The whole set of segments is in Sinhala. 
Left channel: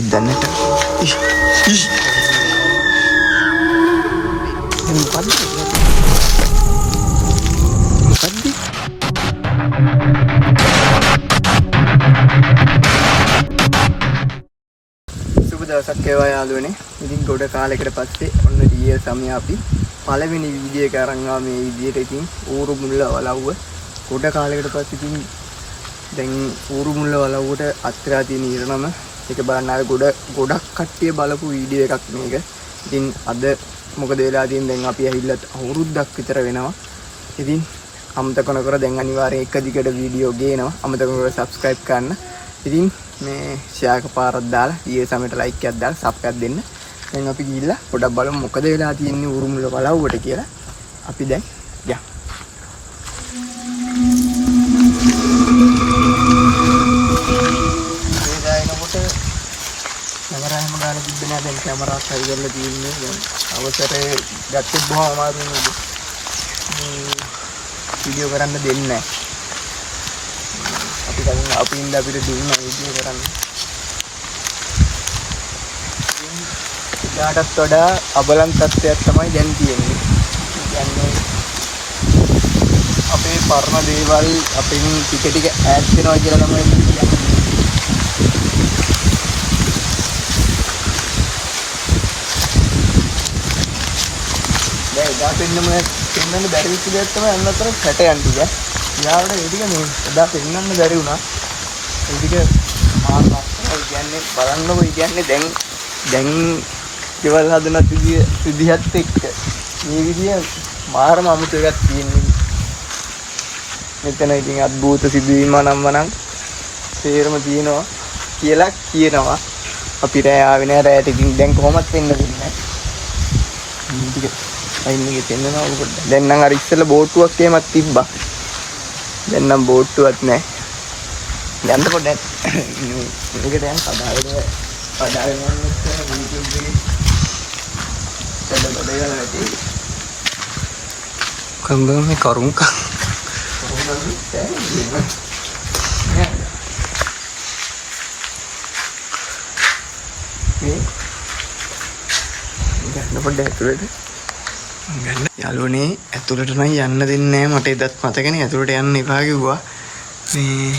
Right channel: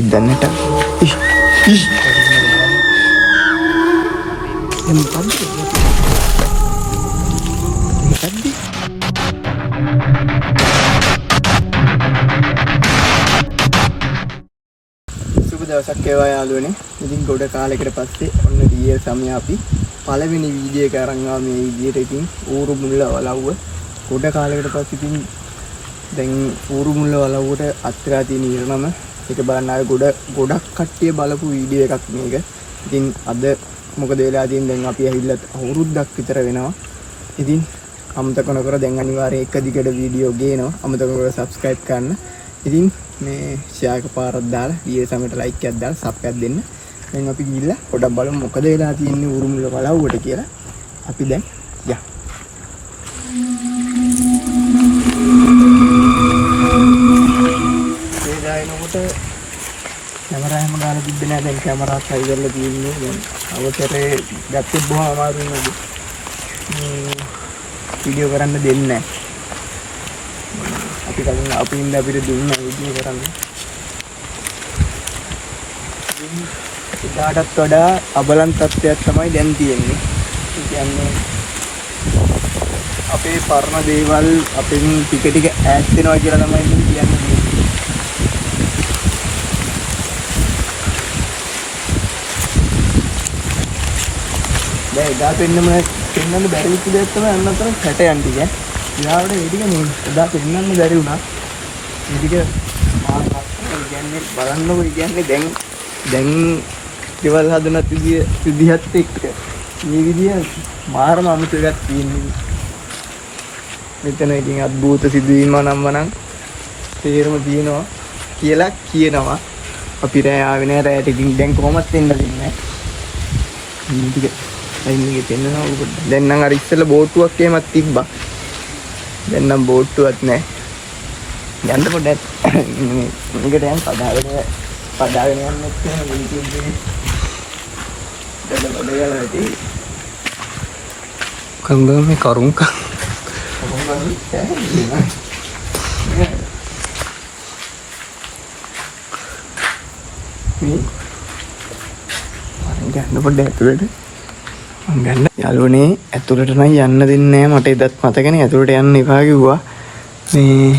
ඉදන්නට සුබ දවසක් වේවා යාළුවනේ. ඉතින් ගොඩ කාලයකට පස්සේ ඔන්න ඩීඑල් සමය අපි පළවෙනි වීඩියෝ එක අරන් ආවා මේ විදියට. ඉතින් ඌරු මුල්ල වලව්ව ගොඩ කාලයකට පස්සේ ඉතින් දැන් ඌරු මුල්ල වලව්වට අත්තරා තියෙන ඉරණම ඒක බලන්න ආවේ ගොඩක් කට්ටිය බලපු වීඩියෝ එකක් මේක. ඉතින් අද මොකද වෙලා තියෙන්නේ දැන් අපි ඇහිල්ලා අවුරුද්දක් විතර වෙනවා. ඉතින් අමතක නොකර දැන් අනිවාර්යයෙන් එක දිගට වීඩියෝ ගේනවා. අමතක නොකර subscribe කරන්න. ඉතින් මේ ෂෙයා එකපාරක් දාලා ඊයේ සමයට ලයික් එකක් දාලා සබ් එකක් දෙන්න. දැන් අපි ගිහිල්ලා පොඩක් බලමු මොකද වෙලා තියෙන්නේ ඌරු මුල්ල වලව්වට කියලා. අපි දැන් යමු. එනකොට කැමරාවම ගාලා තිබ්බේ නෑ. දැන් කැමරාවත් හරි කරලා තියෙන්නේ. දැන් අවසරේ ගත්තේ බොහොම අමාරුයි නේද? වීඩියෝ කරන්න දෙන්නේ නෑ. අපි කලින් අපින් අපිට දුන්නා වීඩියෝ කරන්න. ඉතාලටත් වඩා අබලන් තත්ත්වයක් තමයි දැන් තියෙන්නේ. කියන්නේ අපේ පරණ දේවල් අපෙන් ටික ටික ඈත් වෙනවා කියලා තමයි කියන්නේ. දැන් එදා පෙන්නන්න බැරි විදිහට දෙයක් තමයි අන්නතර කැටයන් ටික. ඊළඟට ඒ ටික මේ එදා පෙන්නන්න බැරි වුණා. ඒ ටික කියන්නේ බලන්නකො කියන්නේ දැන් දේවල් හදන විදිහත් එක්ක මේ විදිය මාරම අමුතු එකක් තියෙනවා. මෙතන ඉතින් අද්භූත සිදුවීම නම් තේරම තියෙනවා කියලා කියනවා. අපි රෑ ආවේ නෑ. රෑට ඉතින් දැන් කොහොමත් එන්න දෙන්නේ නෑ. ටික අයින්නේ දෙන්නවා. දැන් නම් අර ඉස්සෙල්ලා බෝට්ටුවක් එහෙමත් තිබ්බා. දැන් නම් බෝට්ටුවක් නෑ. ගන්න පොඩ්ඩක් මේකට යන් පදාගෙන යන්නත් YouTube එකේ බඩගල ඇති කංගම මේ කරුණක මේ ගන්න පොඩ්ඩක් ඇතුළට ගන්න. යාළුවනේ ඇතුළට නම් යන්න දෙන්නේ නැහැ. මට එදත් මතකනේ ඇතුළට යන්න එපා කිව්වා. මේ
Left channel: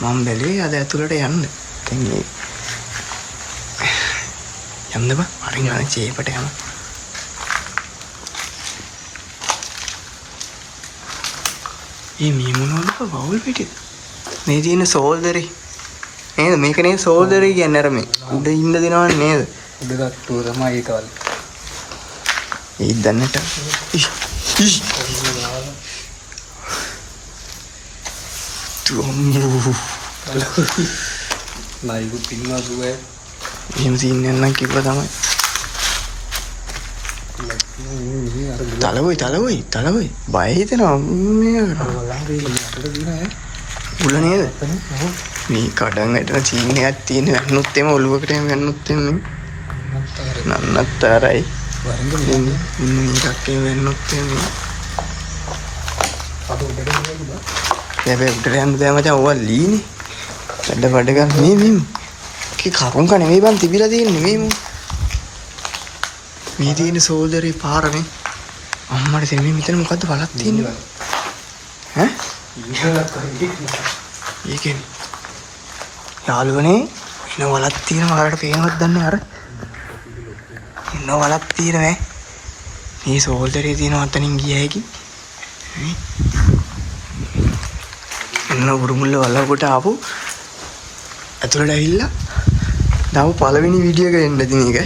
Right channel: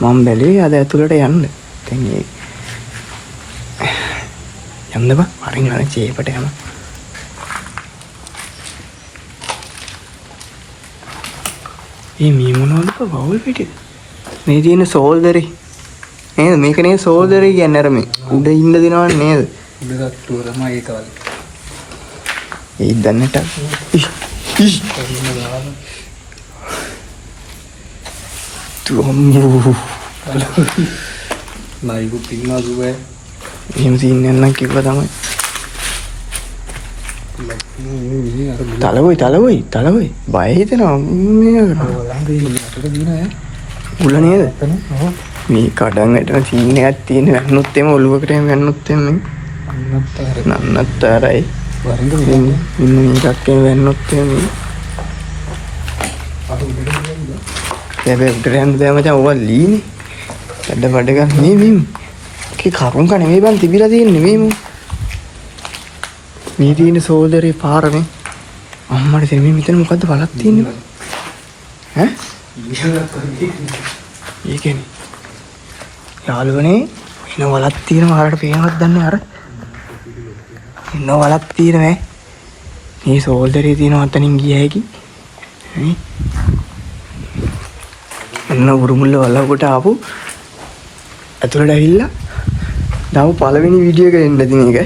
මම බැලුවේ අද ඇතුළට යන්න. දැන් මේ යන්න බා වරින් වරින් චේපට යමු. මේ මොනවද වවුල් පිටේ මේ තියෙන සෝල්දරේ නේද? මේක නේද සෝල්දරේ කියන්නේ? අර මේ උඩ ඉන්න දෙනව නේද? ඉඳගත්තු තමයි ඒක. ඒ දන්නට ලයිව් පින්නා දුවේ එහෙම සීන් නැන්නම් කිව්වා තමයි. තලවයි බය හිතෙනවා මේ උල නේද? මේ කඩන් වැටෙන සීන් එකක් තියෙන. වැන්නොත් එම ඔළුවකට එම වැන්නොත් එම නන්නත්තරයි. ඉන්න මේකක් එම වැන්නොත් එම හැබැයි ග්‍රෑන්ඩ් දෑ මචං ඔවා ලීනේ. වැඩ ගන්න මේ කේ කරුණ කන මේ බන් තිබිලා තියෙන්නේ මේ තියෙන සෝල්දරේ පාරනේ. අම්මට තේ මේ මෙතන මොකද්ද බලක් තියෙන්නේ බං? ඈ? ඒකනේ. යාළුවනේ ඉන්න වලක් තියෙනවා. ආරට පේනවද දන්නේ අර? ඉන්න වලක් තියෙනවා. මේ සෝල්දරේ තියෙනවා අතනින් ගිය හැකි. නේ? එන්න උරුමුල්ල වලකට ආපු ඇතුළට ඇවිල්ලා දාපු පළවෙනි වීඩියෝ එක එන්න දෙන එක.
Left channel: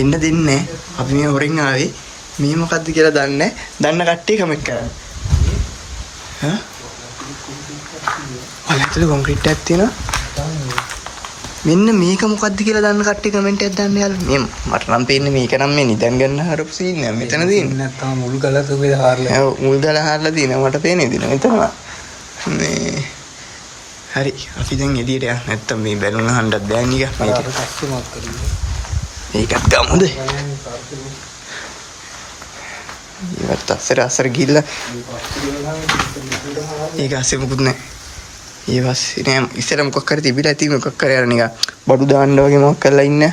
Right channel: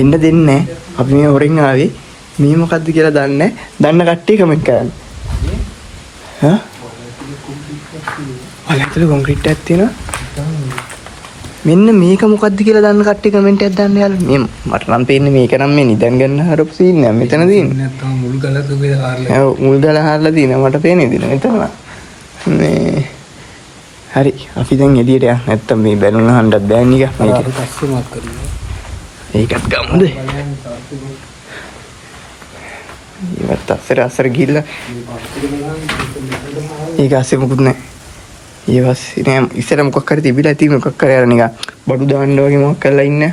එන්න දෙන්නේ නැහැ. අපි මේ හොරෙන් ආවේ. මේ මොකද්ද කියලා දන්නේ නැහැ. දන්න කට්ටිය කමෙන්ට් කරන්න. හා? අලතල කොන්ක්‍රීට් එකක් තියෙනවා. මෙන්න මේක මොකද්ද කියලා දන්න කට්ටිය කමෙන්ට් එකක් දාන්න යාළුවා. මේ මට නම් පේන්නේ මේක නම් මේ නිදන් ගන්න හරපු සීන් එක මෙතන තියෙන්නේ. නැත්තම් මුල් ගල තුබේ හාරලා. ඔව් මුල් ගල හාරලා තියෙනවා. මට පේන්නේ දින මෙතන. මේ හරි අපි දැන් එළියට යන්න. නැත්තම් මේ බැලුන හන්දක් බෑ නික මේක. ඒකත් ගමුද? ඒවත් අසර ගිහිල්ලා ඒක ඇස්සේ මොකුත් නැහැ. ඊ පස්සේ නෑ ඉස්සර මොකක් හරි තිබිලා ඇති මොකක් හරි අර නිකන් බඩු දාන්න වගේ මොකක් කරලා ඉන්නේ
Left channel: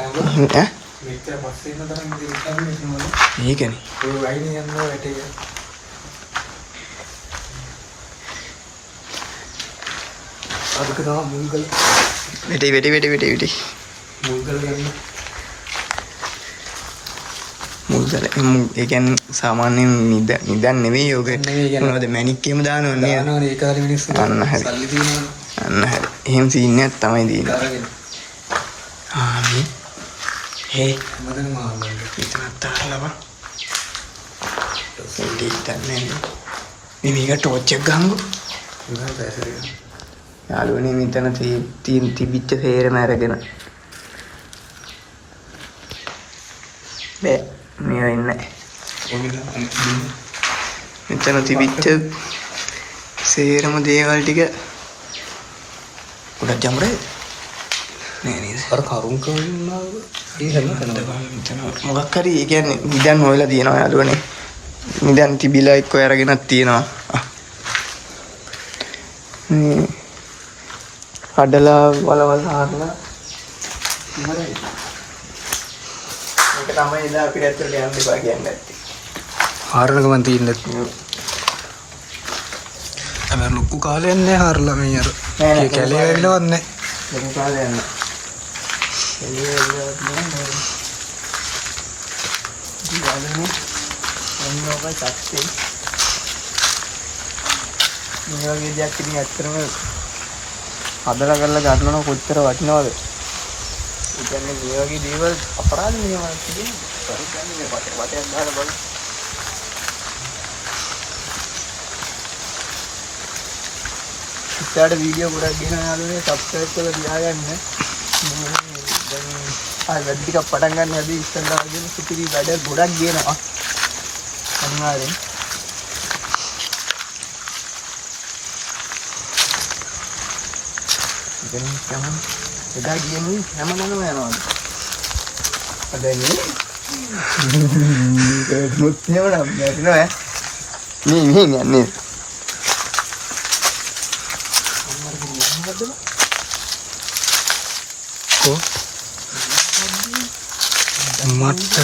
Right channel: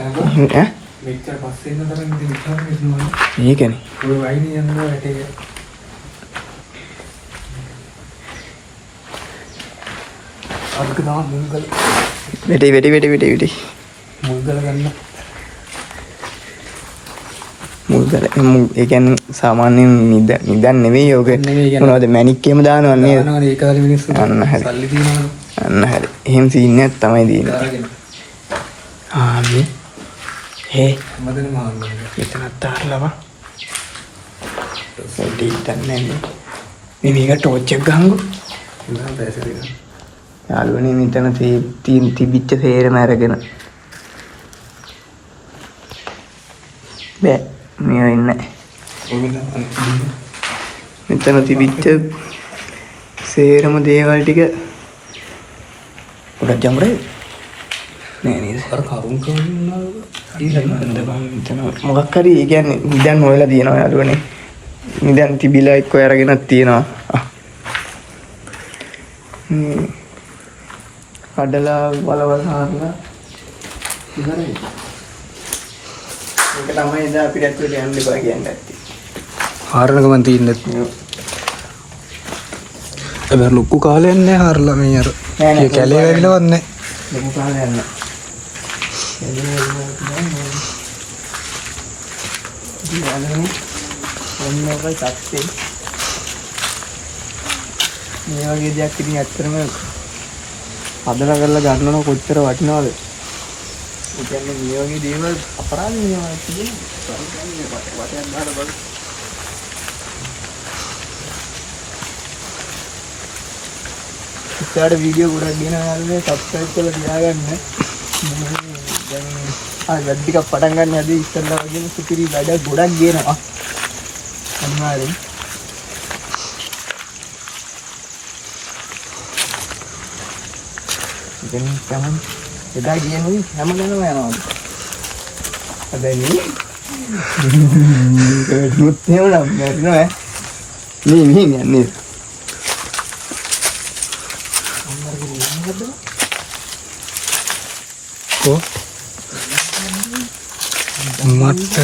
ඈ මෙච්චර පස්සේ ඉන්න තරම් ඉතින් ඒකනේ ඔය වයින් යනවා ඇටේ අරුතු ගා මුංගල් වෙටි මුංගල ගන්න මුල්ගල ඒ කියන්නේ සාමාන්‍යයෙන් නිදන් නෙවෙයි යෝග මොනවද මැනික් එහෙම දානව නේද අන්න හරි එහෙම සීන් එකක් තමයි තියෙන්නේ ආමි හේ මෙතනත් තාරලව දෙයිතන් නේ මේක ටෝච් එක ගහංගු යාළුවනේ මෙතන තිබිච්ච තේරම අරගෙන බෑ මේ ඉන්නේ මෙතන තිබිච්ච සේරම දේවල් ටික උඩ ජම්රේ නෑ නේද අර කරුණ කවුරුනා මෙතන මොකක් හරි ඒ කියන්නේ නිදන් හොයලා තියෙනවා යාළුවනේ නිදන් තිබිලා එක්ක අරගෙනක් තියෙනවා කඩලා බලවල හරලා ඉවරයි ඒක තමයි ඉදා අපිට ඇත්තට යන්න බෑ කියන්නේ ඇත්ති. හාරනකම තියෙන්නේ නැහැ. ලොකු කාලයක් නෑ හාරලා මේ අර. ඒ කැලේ වැగిලවත් නෑ. ලොකු කාලයක් නෑ. මේ වගේ දෙයක් ඉතින් ඇත්තටම හදලා කරලා ගන්නව කොච්චර වටිනවද? ඒ කියන්නේ මේ වගේ දේවල් අපරාධ නියමයක් තියෙනවා. වටේ දාලා බලන්න. ඉස්සරහට වීඩියෝ ගොඩක් ගෙනවා යාළුවනේ සබ්ස්ක්‍රයිබ් කරලා තියාගන්න. දැන් වැඩ ටිකක් පටන් ගන්න හැදී ඉස්සරලා වගේම සුපිරි වැඩ ගොඩක් ගෙනවා. අනිවාර්යෙන්. දැන් තමයි එදා ගියනුයි හැමදේම යනවාද? අදන්නේ නුත් නේවනම් නේද? මේ යන්නේ. කො මට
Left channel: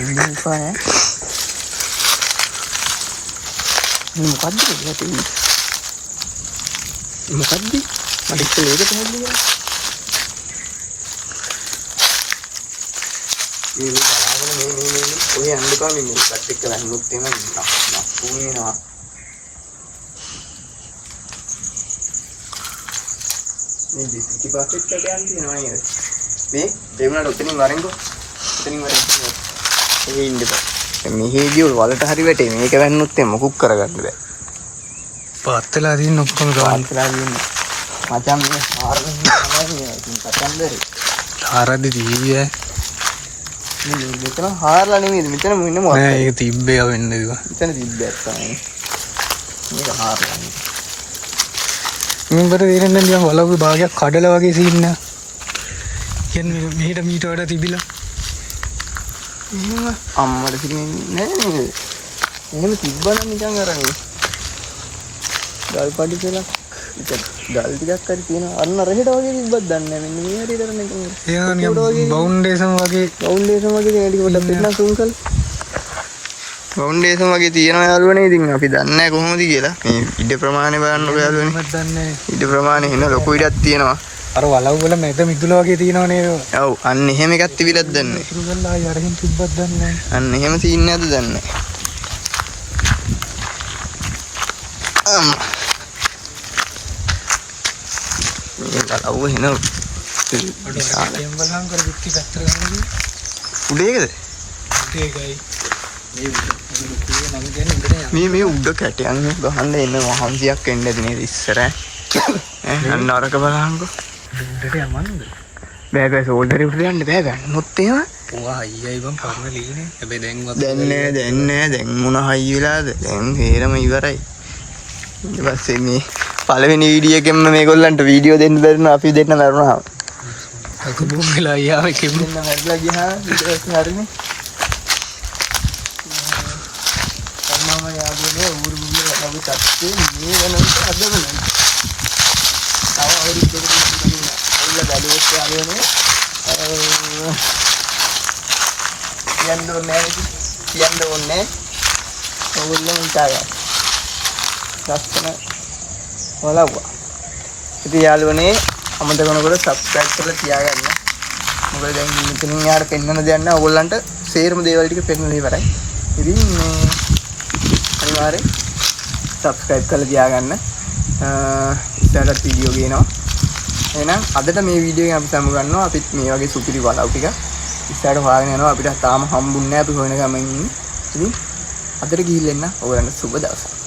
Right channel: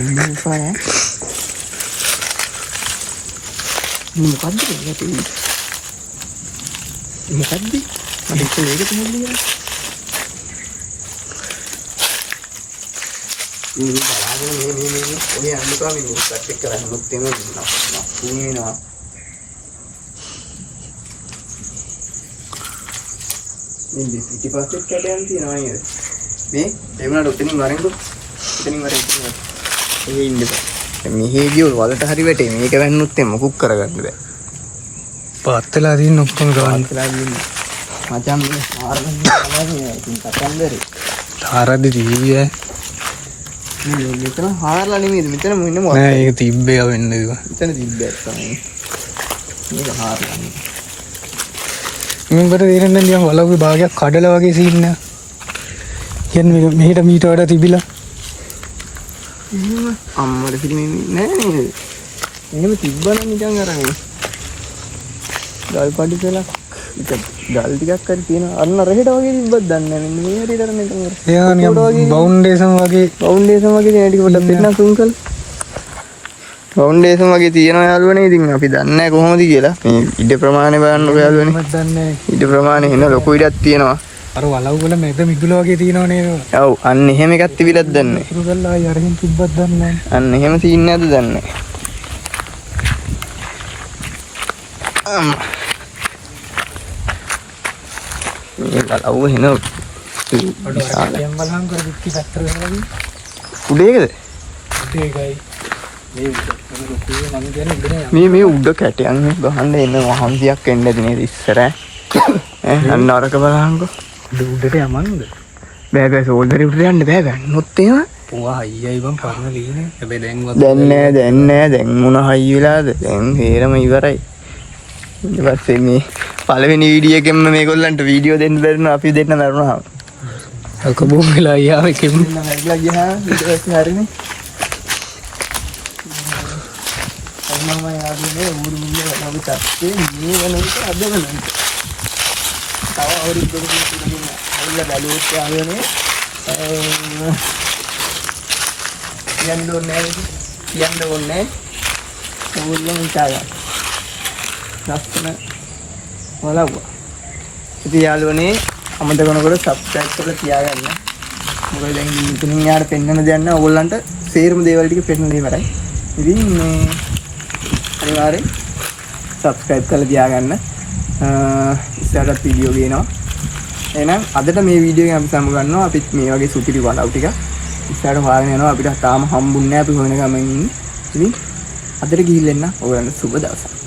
ඉන්නේ පාය. මොකද්ද මොකද්ද? මට ඒක තමයි මේ බලාගෙන මේ ඔය අන්නකම මේ පැත්තට කරන් මුත් වෙන නක්කුනා මේ පිටිපස්සෙත් කැඩයන් තියෙනවා නේද? මේ ඒ වුණාට ඔතනින් වරෙන්කෝ ඔතනින් වරෙන්කෝ මේ ඉන්නේ. මෙහි ගියෝ වලට හරි වැටේ මේක වැන්නොත් මොකුක් කරගන්න බෑ. පාත්තලා දින්න ඔක්කොම ගන්න. මචං මේ ආරගෙන තමයි ඉතින් කතන්දරේ. හාරද්දි දීවිය. මේ මෙතන හාරලා නෙමෙයි මෙතන ඉන්නේ මොකක්ද? නෑ ඒක තිබ්බේ වෙන්න ඒක. මෙතන තිබ්බේ තමයි. මේක හාරලා. මම බර දෙරෙන් නිකන් වලව්වේ භාගයක් කඩලා වගේ සීන් එක. කියන්නේ මෙහෙට මීට වඩා තිබිලා. අම්මට පිළිමේ නෑ නේද? මොන තිබ්බනම් නිකන් අරගෙන. ගල් පඩි කියලා ගල් ටිකක් හරි තියෙනවා. අන්න රහෙට වගේ තිබ්බත් දන්නේ නැහැ. මෙන්න මේ හරියට අර මේක මර. ඒ නිකන් බවුන්ඩේෂන් වගේ ඈඩි පොඩ්ඩක් තියෙනවා සිංකල්. බවුන්ඩේෂන් වගේ තියෙනවා යාළුවනේ. ඉතින් අපි දන්නේ නැහැ කොහොමද කියලා. මේ ඉඩ ප්‍රමාණය බලන්නකෝ යාළුවනේ. ඉඩ ප්‍රමාණය එන ලොකු ඉඩක් තියෙනවා. අර වලව් වල මැද මිදුල වගේ තියෙනවා නේද? ඔව් අන්න එහෙම එකක් තිබිලත් දන්නේ නැහැ. අන්න එහෙම සීන් නැද්ද දන්නේ නැහැ. මේ බලව එන බලහන් කර පිටි පැත්තට යනවා. උඩේකද? උඩේකයි. මේ උඩ කැටයන් ගහන්න එන්න වහන්සියක් එන්න ඇති නේද ඉස්සර ඈ අන්න අරක බලහන්කෝ උඩට යමන්නද බෑ සෝල්ඩරේ උඩට යන්න බෑ ගන්නොත් එහෙම ඔවා අයියයි බං පරණ ලියන්නේ හැබැයි දැන් නෑ දැන් මොන හයි වෙලාද දැන් හේරම ඉවරයි ඊට පස්සේ මේ පළවෙනි වීඩියෝ එකෙන්ම මේගොල්ලන්ට වීඩියෝ දෙන්න බැරිුණා අපි දෙන්න මරුණා අක බොම් වෙලා යාව එකෙන් මැරිලා ගියා ඊට පස්සේ හරිනේ මම යාදුනේ උරුම අපි තත්ත්වේ මේ වෙනකොට අද වෙනකොට තව අවුරුද්දකට ඉඳලා ඇවිල්ලා බැලුවොත් යාළුවනේ කියන්න ඕනේ ඕගොල්ලෝ හිතාගන්න ලස්සන වලව්ව ඉතින් යාළුවනේ අමතක කරනකොට subscribe කරලා තියාගන්න මොකද දැන් මෙතනින් යාට පෙන්වන්න දෙයක් නැහැ ඕගොල්ලන්ට සේරම දේවල් ටික පෙන්වලා ඉවරයි ඉතින් මේ අනිවාර්යෙන් subscribe කරලා තියාගන්න ඉස්සරහට වීඩියෝ ගේනවා එහෙනම් අදට මේ වීඩියෝ එකෙන් අපි සමු ගන්නවා අපිත් මේ වගේ සුපිරි වලව් ටික ඉස්සරහට හොයාගෙන යනවා අපිට තාම හම්බුන්නේ නැහැ අපි හොයන ගමන් ඉන්නේ ඉතින් අදට ගිහිල්ලා එන්න ඕගොල්ලන්ට සුබ දවසක්